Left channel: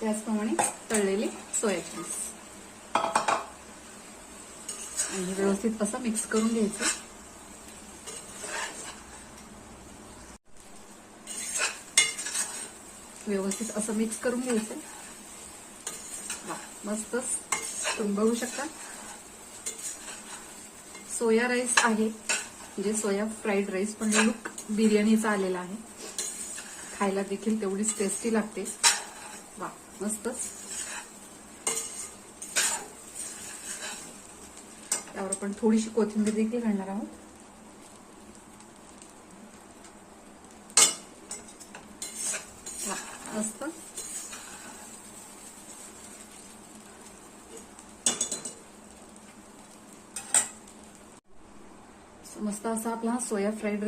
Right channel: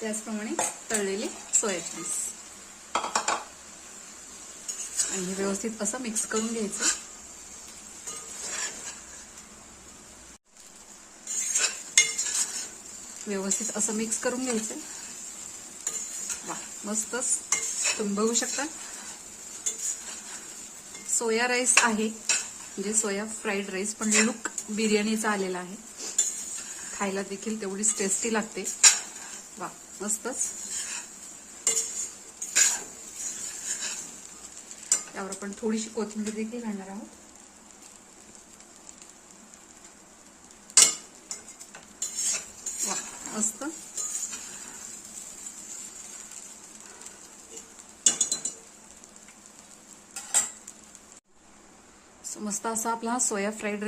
त्याचप्रमाणे तळलेले soya chunks आणि व्यवस्थित असं मिक्स करून घ्यायचं. व्यवस्थित असं मिक्स करून घ्यायचं. मस्तच तुम्ही बघू शकता सोया राईस आहे, म्हणजे सोया फ्राईड राईस, पण लुक बिर्याणीचा आलेला आहे. खायला देखील तेवढीच टेस्टी लागते. वा मस्तच. यावर आपण थोडीशी कोथिंबीर देखील घालणार आहोत. मस्त. मस्त असा आपला हा सोया फ्राईड राईस